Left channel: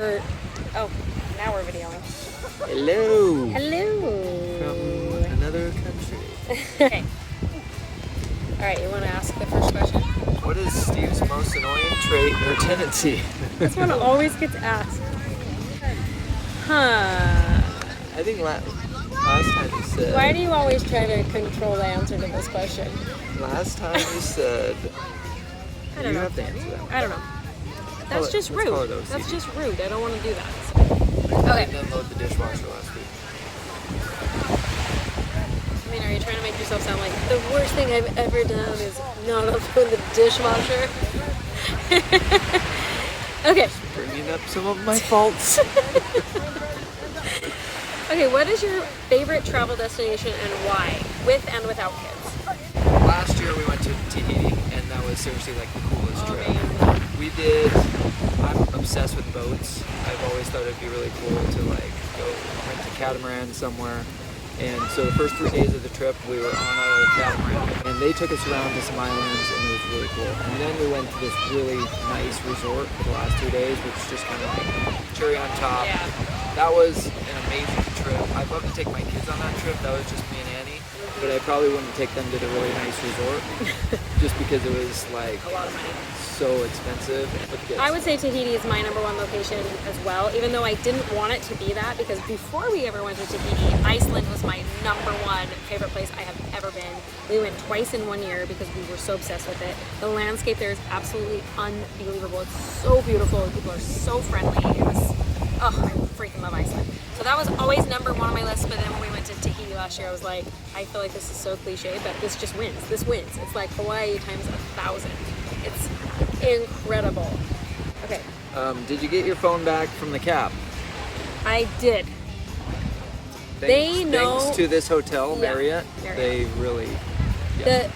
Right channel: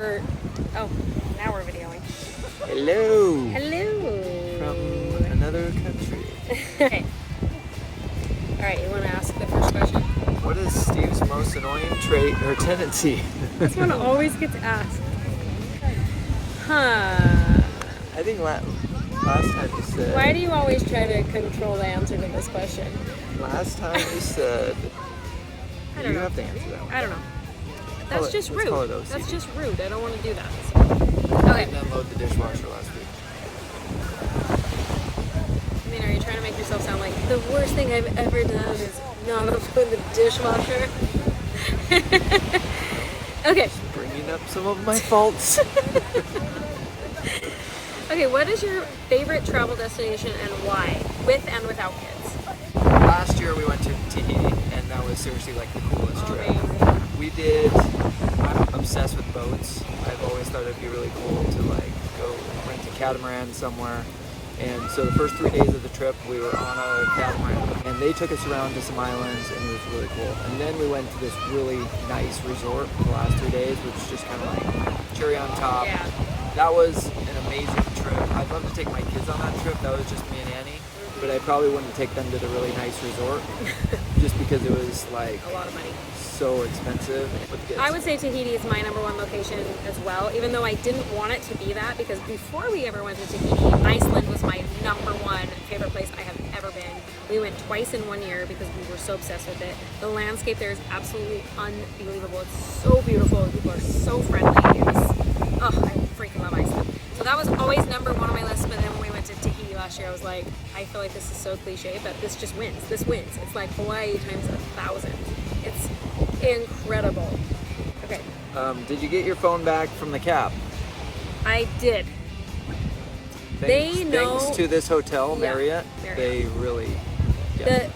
Oh, now we're videoing. Hello. Hello. From another country. Okay. All right, you want to ask the first question? What is Steve's most annoying trait or tendency? This one always gets asked. Huh. I think last time you said... Why do you always try to control the answer to this question? Last time you said... I don't know. You have to answer that one. I don't know. That's just rude. That's just rude. I don't want to do that. So. Okay. I didn't unload the dishwasher last week. I mean, are you trying to make yourself sound like the worst thing I've ever done is not unload the dishwasher? No. Okay. Just bringing up some of my faults. Okay, what is your favorite travel destination and why? With and without kids. Last year we went to Tahiti, and that was seriously like the coolest trip. Amazing. We did, I'm obsessed with boats. I've always thought it'd be really cool to like go rent a catamaran somewhere. And so the first 3 days of the trip we were on a catamaran, and they took us around to some islands, and it was really cool. And then we went to this really nice resort for the last 3 days, which is just kind of like cherry on top. Yeah. That was an amazing trip. I'd love to take my kids on that trip. That was just me and Annie. But I probably wouldn't take them to the really nice resort just because it was like A lot of money. so expensive. I would say Tahiti is my #1 location as well, even though I didn't want it to be that, because before we ever went to Tahiti, Iceland was my #1 favorite place I have ever been. We went twice in 1 year because we were so obsessed with it. The landscape there is absolutely unbelievable. It's so beautiful. People are so friendly. I freaking love Iceland. So that was always #1 on my list, but then when we went to Tahiti last year, I was like, I feel like this is so cliche, but this just wins. This wins. It's like Hawaii times 1,000. It's incredible. Okay. Did you get your phone back from the cab? I did. Thanks to this hotel, Marriott. They really... Yeah.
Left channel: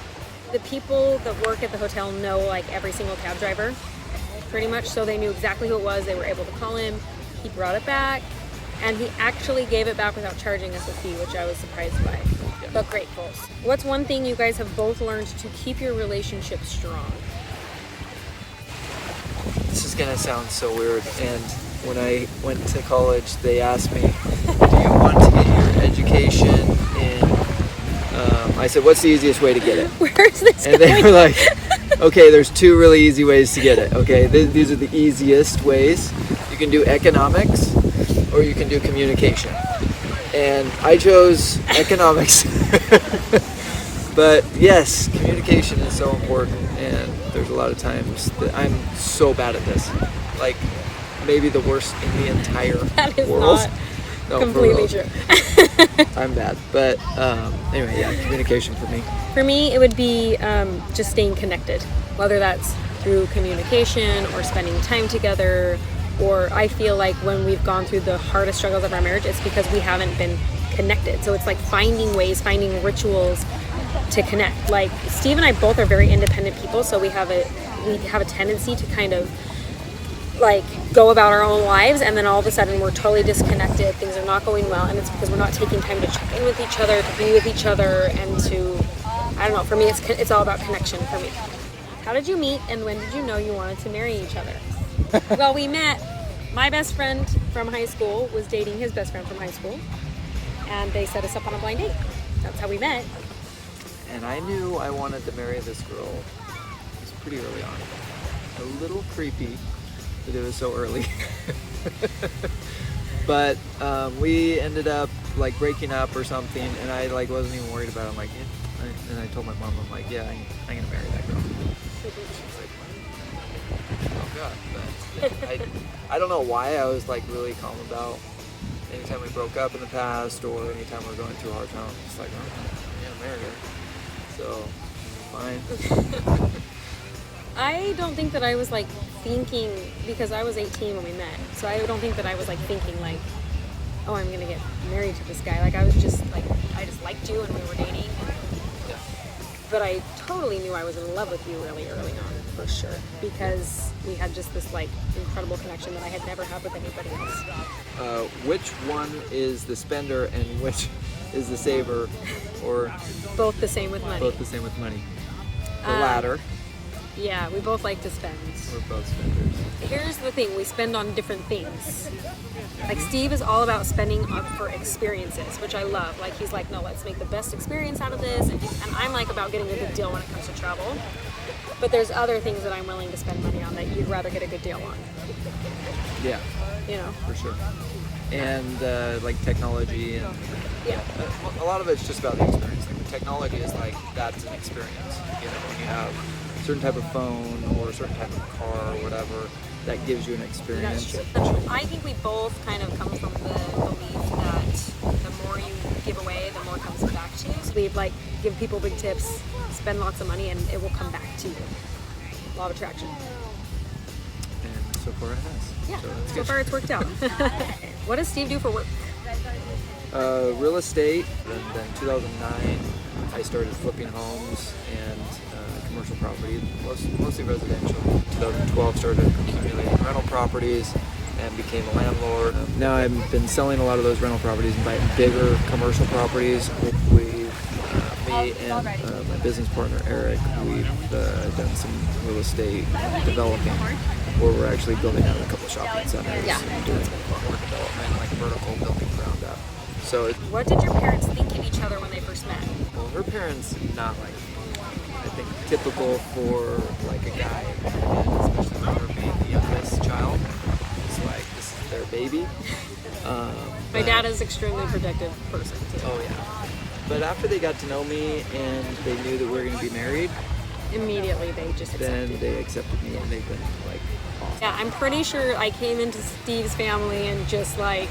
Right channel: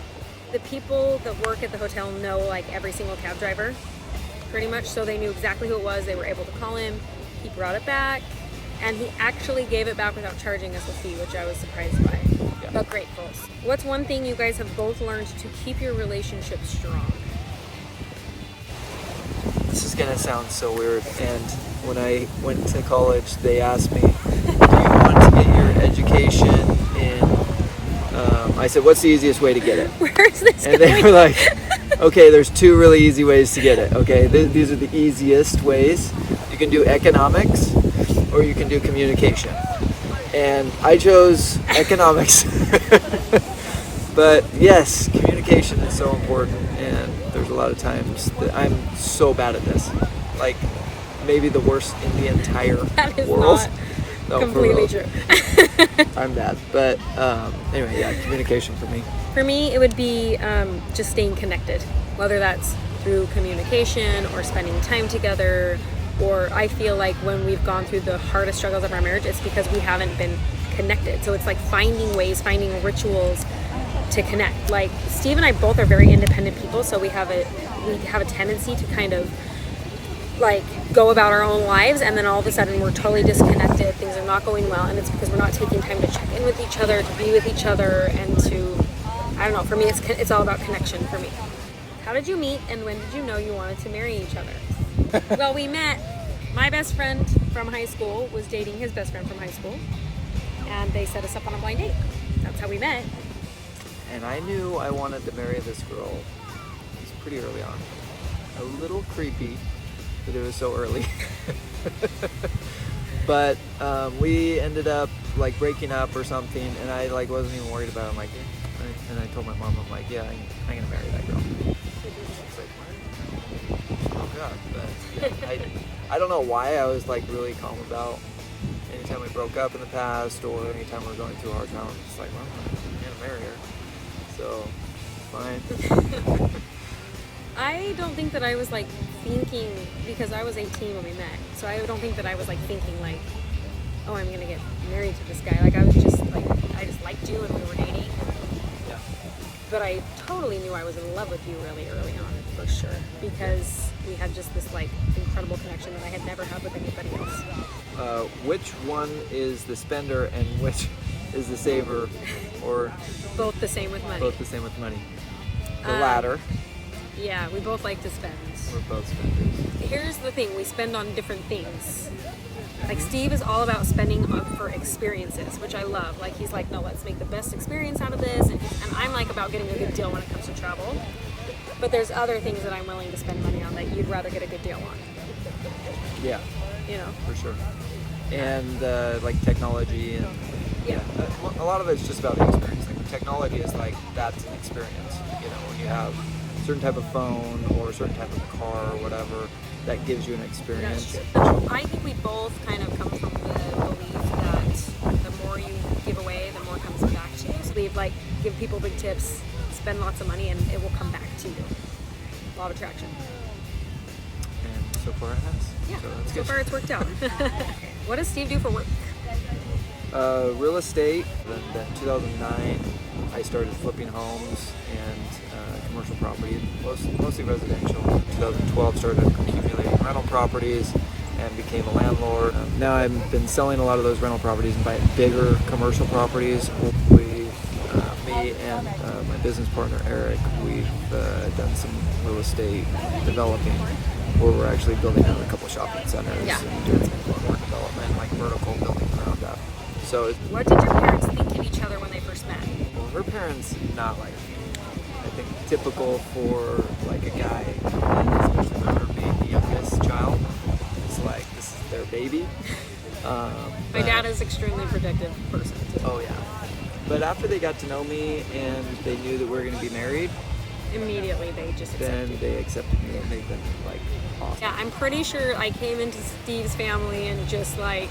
The people that work at the hotel know like every single cab driver, pretty much, so they knew exactly who it was. They were able to call him. He brought it back, and he actually gave it back without charging us a fee, which I was surprised by, but grateful. What's one thing you guys have both learned to keep your relationship strong? This is gonna sound so weird, and when I went to college, they asked me, do you want to get your education in, I said, what's the easiest way to get it? Where's this And going? they were like, okay, there's 2 really easy ways to get it, okay? These are the easiest ways. You can do economics, or you can do communication. And I chose economics. But yes, communication is so important, and there's a lot of times that I'm so bad at this. Like, maybe the worst in the entire That is world. not No, completely true. I'm bad. But anyway, yeah, communication for me. For me, it would be just staying connected, whether that's through communication or spending time together, or I feel like when we've gone through the hardest struggles of our marriage, it's because we haven't been connected. So it's like finding ways, finding rituals to connect. Like Steve and I both are very independent people, so we have a tendency to kind of like go about our own lives, and then all of a sudden we're totally disconnected. Things are not going well, and it's because we're not taking time to check in with each other, to be with each other, and to, I don't know, for me it's all about connection for me. How did you meet, and when did you know you wanted to marry each other? Well, we met, my best friend from high school was dating his best friend from high school, and they set us up on a blind date. That's how we met. And I knew I wanted to marry this girl. It was pretty early on. A little creepy that it was so early. But we ended up like breaking up or something, and I like wasn't even worried about it. I'm like, yeah. And I told my mom, I'm like, yeah, I'm gonna marry that girl. She's like, what? Broke up. But yeah, I don't know why I was like really calm about anytime we broke up in the past, or anytime we were going through a hard time. It's like, well, I'm gonna marry her. So, fine. I don't think that I was like thinking, because I was 18 when we met, so I don't think that I was like thinking like, oh, I'm gonna get married to this guy. Like I was just like, I just liked you and we were dating, Yeah. But I totally knew I was in love with you really early on, for sure, because we had just this like incredible connection that I had never had with anybody else. Which one is the spender and which is the saver, or both the same with money? Both the same with money. The latter. Yeah, we both like to spend. We're both spenders. Here's the thing, we spend on different things. Like Steve is all about spending for experiences, which I love. Like he's like, no, let's make the best experience out of this. And I'm like about getting a good deal when it comes to travel. But there's other things that I'm willing to spend money on that you'd rather get a good deal on. Yeah. You know? For sure. And like technology and a lot of it's just about the experience. Like the technology is like, that's an experience. You know, when you have a certain type of phone or a certain type of car or whatever, that gives you an experience. That's true. I think we both kind of come from the belief that the more you give away, the more comes back to you. So we like give people big tips, spend lots of money, and it will come back to you. Law of attraction. And so far it has. Yeah, that's so good. far it's worked out. What does Steve do for work? Real estate. Then 2009, I started flipping homes and commercial property, mostly residential. 2012, started accumulating rental properties and became a landlord. Now I've been selling a lot of those rental properties and buying bigger commercial properties. Me and my business partner Eric, we've done some real estate developing where we're actually building out a couple shopping centers and doing more development, like vertical building ground up. So, what did your parents think of each other when they first met? Well, her parents not like me. I think typical for like a guy, especially with her being the youngest child, it's like this is their baby. My dad is an extremely protective person too. Oh yeah. But after they got to know me and they knew that we were going to be married, immediately they just accepted. Then they accepted me and they've been like awesome. Yeah, I'm pretty sure I came into Steve's family and just like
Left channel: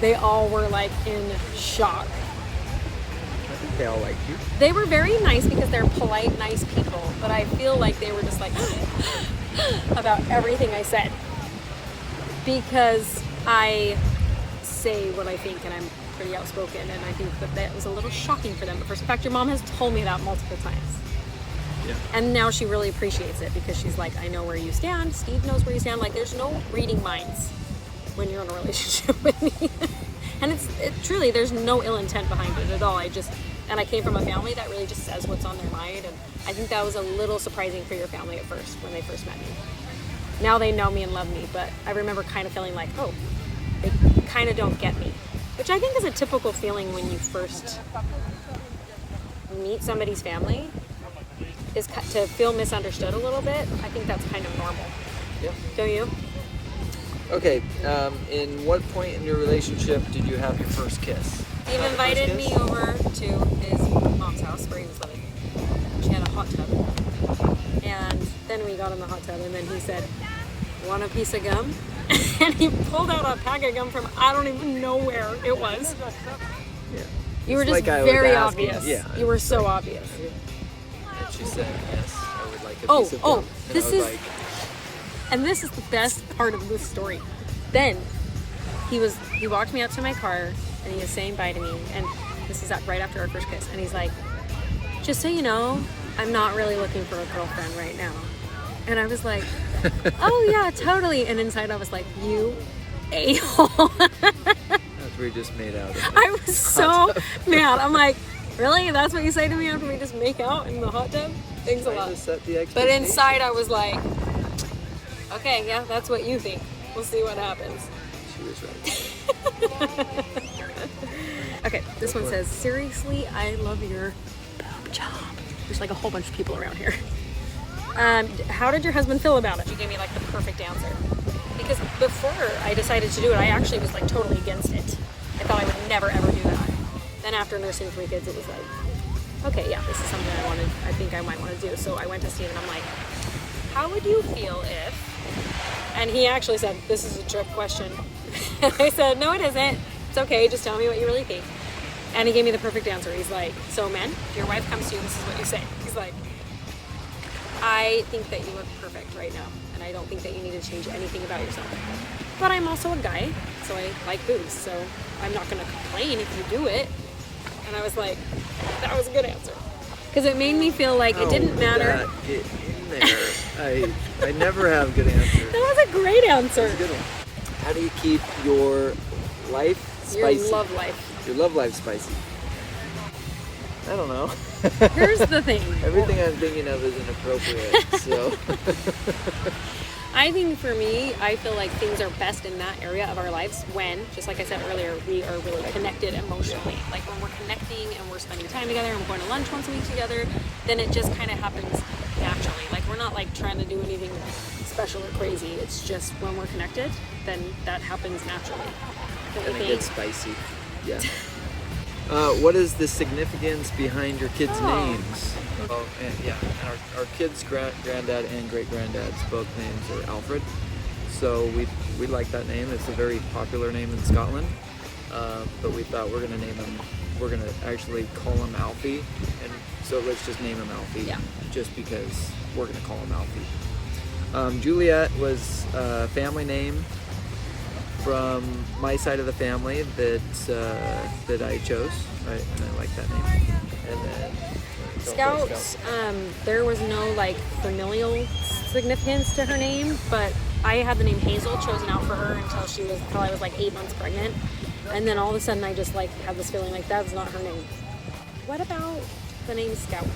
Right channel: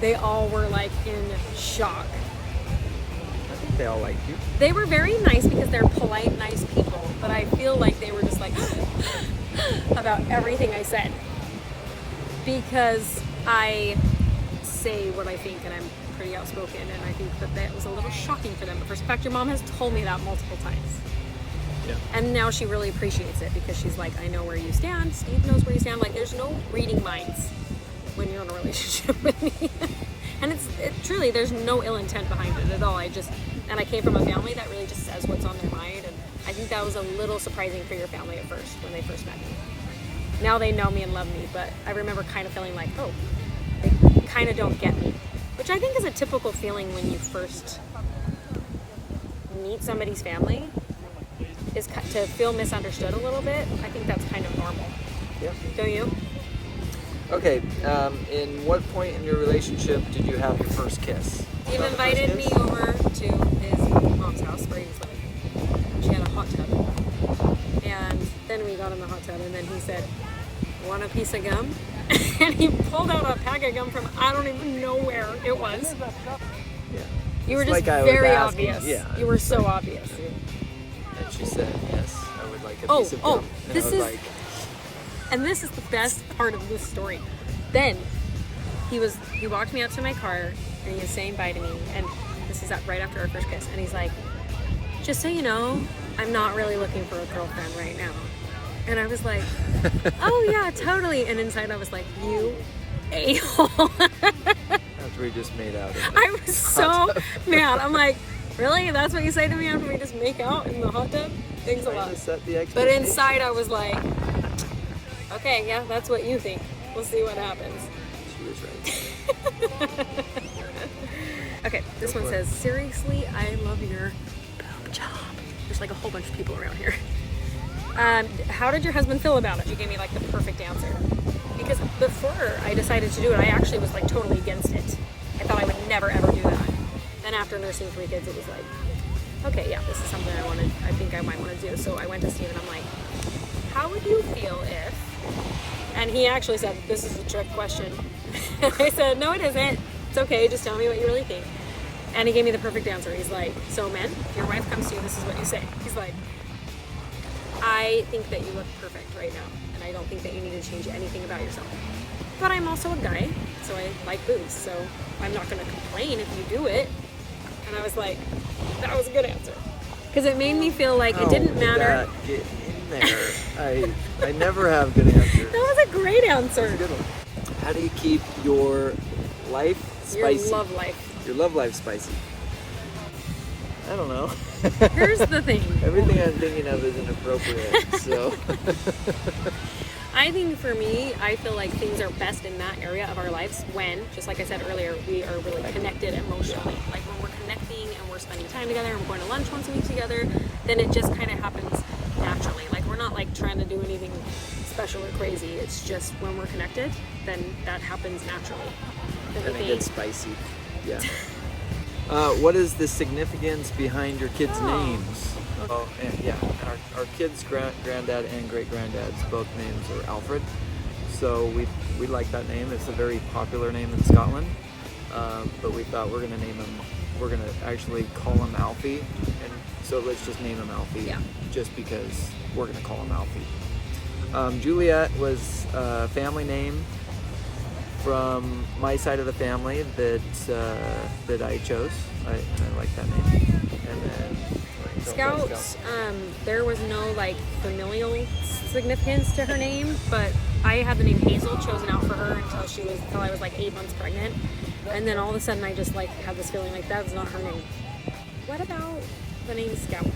they all were like in shock. I think they all liked you. They were very nice because they're polite, nice people, but I feel like they were just like about everything I said because I say what I think and I'm pretty outspoken, and I think that was a little shocking for them. But in fact, your mom has told me that multiple times. Yeah. And now she really appreciates it because she's like, I know where you stand. Steve knows where you stand. Like, there's no reading minds when you're in a relationship with me. And it truly, there's no ill intent behind it at all. I came from a family that really just says what's on their mind. And I think that was a little surprising for your family at first when they first met me. Now they know me and love me, but I remember kind of feeling like, oh, they kind of don't get me. Which I think is a typical feeling when you first meet somebody's family, is to feel misunderstood a little bit. I think that's kind of normal. Yeah. Don't you? Okay, in what point in your relationship did you have your first kiss? Steve invited me over to his mom's house where he was living. She had a hot tub. And then we got in the hot tub and then he said, want a piece of gum? And he pulled out a pack of gum from I don't even know where it was. Yeah. You were just like very obvious. Yeah. You were so obvious. And she said, yes, I would like a piece of gum. And this is like, and this is the best part of this story. Then he walked me out to my car and he was saying bye to me, and this is right after our first kiss, and he's like, just so you know, I'm not really looking for a girlfriend right now. And I was like, oh yeah, totally. And inside I was like, you a-hole. After we just made out. I was so mad. I'm like, really? That's what you say to me after we just make out in the hot tub? Thanks a lot. But inside I was like, okay, yeah, that's what you think. We'll see what happens. She was right. Okay, this one says, seriously, I love your boob job. There's like a whole bunch of people around here. How did your husband feel about it? She gave me like the perfect answer. Because before I decided to do it, I actually was like totally against it. I thought I would never ever do that. Then after nursing 3 kids, it was like, okay, yeah, this is something I think I might want to do. So I went to Steve and I'm like, how would you feel if, and he actually said, this is a trick question. And I said, no, it isn't. It's okay, just tell me what you really think. And he gave me the perfect answer. He's like, so men, if your wife comes to you, this is what you say. He's like, I think that you look perfect right now, and I don't think that you need to change anything about yourself. But I'm also a guy, so I like boobs, so I'm not going to complain if you do it. And I was like, that was a good answer. Because it made me feel like it didn't matter. Get in there. I never have good answers. That was a great answer. That's a good one. How do you keep your life spicy? Your love life. Your love life spicy. I don't know. Here's the thing. Everything I'm thinking of is inappropriate, so. I think for me, I feel like things are best in that area of our lives when, just like I said earlier, we are really connected emotionally. Yeah. Like when we're connecting and we're spending time together and we're going to lunch once a week together, then it just kind of happens naturally. Like we're not like trying to do anything special or crazy. It's just when we're connected, then that happens naturally. Don't you And think? it gets spicy. Yeah. What is the significance behind your kids' names? Oh, and yeah, our kids' granddad and great-granddad's both names are Alfred, so we like that name. It's a very popular name in Scotland, but we thought we're gonna actually call him Alfie, and so let's just name him Alfie. Yeah. Just because we're gonna call him Alfie. Juliet was a family name from my side of the family that I chose, and I like that name. And then Scouts, there was no like familial significance to her name, but I had the name Hazel chosen out for her until I was like 8 months pregnant, and then all of a sudden I just like had this feeling like that's not her name. What about the name Scout?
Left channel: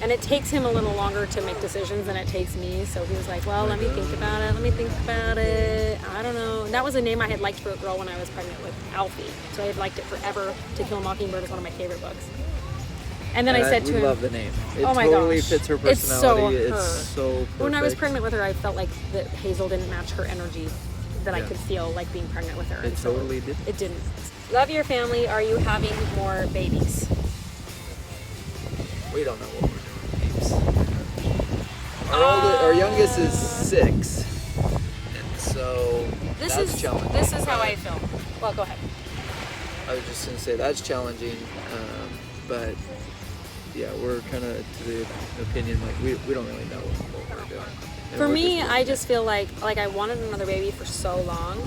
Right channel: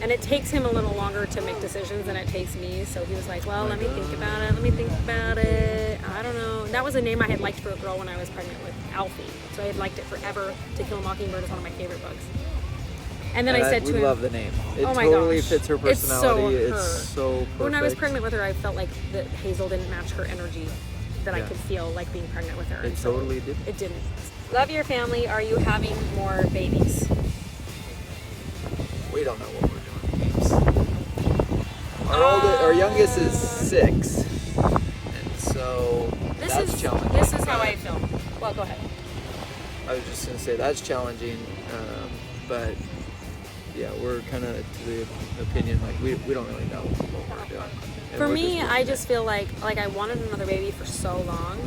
And it takes him a little longer to make decisions than it takes me, so he was like, well, let me think about it. I don't know. And that was a name I had liked for a girl when I was pregnant with Alfie, so I had liked it forever. To Kill a Mockingbird is one of my favorite books. And then I said to him, we love the name. It oh my totally gosh, fits her personality. It's so perfect. When I was pregnant with her, I felt like that Hazel didn't match her energy that I could feel like being pregnant with her. It totally did. It didn't. Love your family. Are you having more babies? We don't know what we're doing. Our youngest is 6, and so that's challenging. This is how I feel. Well, go ahead. I was just gonna say that's challenging, but yeah, we're kind of to the opinion like we don't really know what we're doing. And For me, I just feel like I wanted another baby for so long,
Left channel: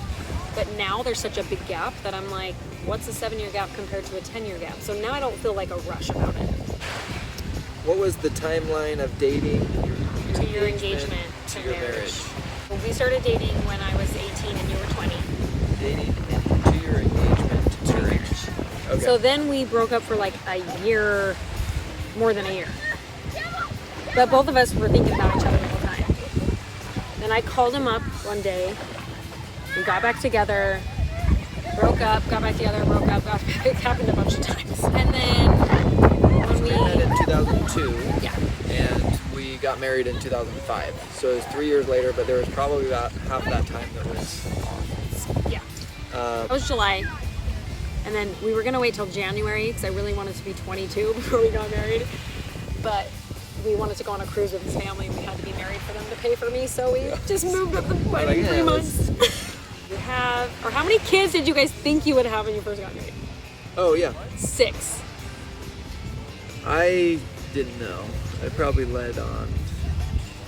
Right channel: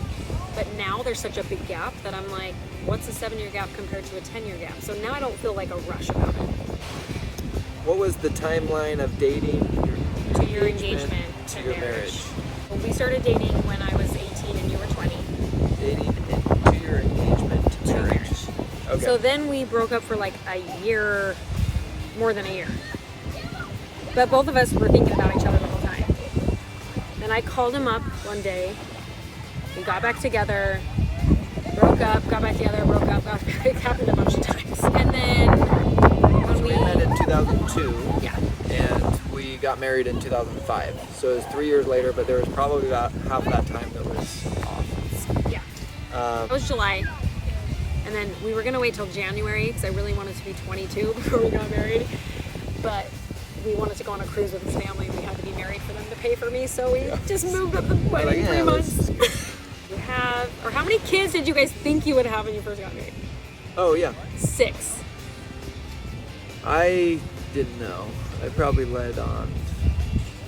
but now there's such a big gap that I'm like, what's a 7-year gap compared to a 10-year gap? So now I don't feel like a rush about it. What was the timeline of dating to your engagement to marriage? Well, we started dating when I was 18 and you were 20. Dating to your engagement to marriage. Okay. So then we broke up for like a year, more than a year. But both of us were thinking about each other the whole time. Then I called him up one day. We got back together, broke up, got back together, broke up, got back. It happened a bunch of times. And then when we met in 2002. Yeah. And we got married in 2005. So it was 3 years later, but there was probably about half that time that was off. Yeah. It was July. And then we were going to wait till January because I really wanted to be 22 before we got married. But we wanted to go on a cruise with his family and we had to be married for them to pay for me. So we just moved up the wedding 3 months. You have, or how many kids did you guys think you would have when you first got married? Oh, yeah. 6. I didn't know. I probably led on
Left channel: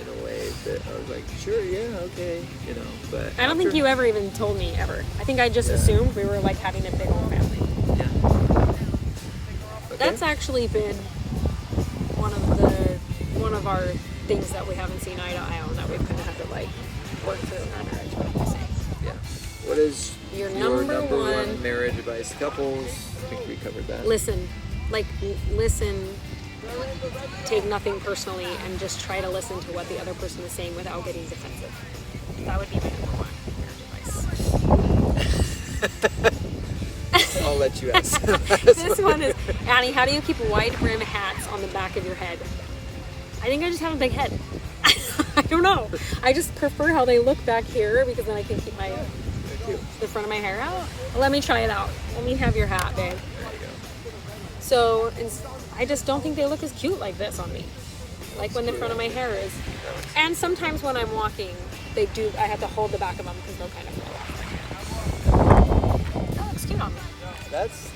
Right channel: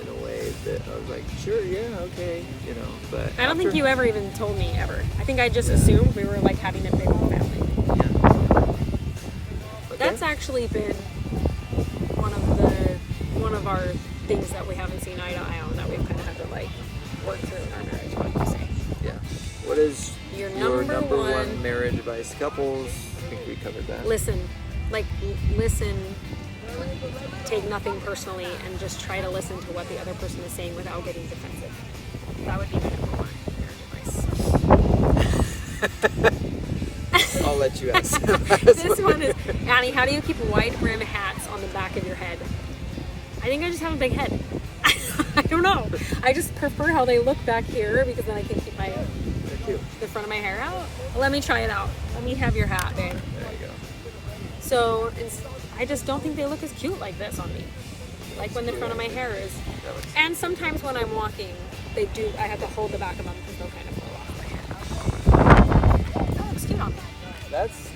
in a way that I was like, sure, yeah, okay, you know, but I don't think you ever even told me ever. I think I just assumed we were like having a big old family. Yeah. Okay. That's actually been one of our things that we haven't seen eye to eye on that we've kind of had to like work through in our marriage. What do you say? Yeah. What is your number one marriage advice? Couples, I think we covered that. Listen, take nothing personally, and just try to listen to what the other person is saying without getting defensive. That would be my number one marriage advice. I'll let you ask. This one is, Annie, how do you keep wide brim hats on the back of your head? I think I just have a big head. I don't know. I just prefer how they look back here because then I can keep the front of my hair out. Let me try it out. Let me have your hat, babe. There you go. So I just don't think they look as cute like this on me. Like when the front of my hair is. And sometimes when I'm walking, I have to hold the back of them because they'll kind of blow off my hair. That looks cute on me.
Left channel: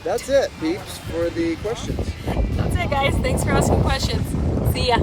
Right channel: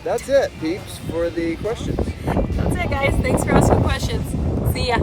That's it, peeps, for the questions. That's it, guys. Thanks for asking questions. See ya.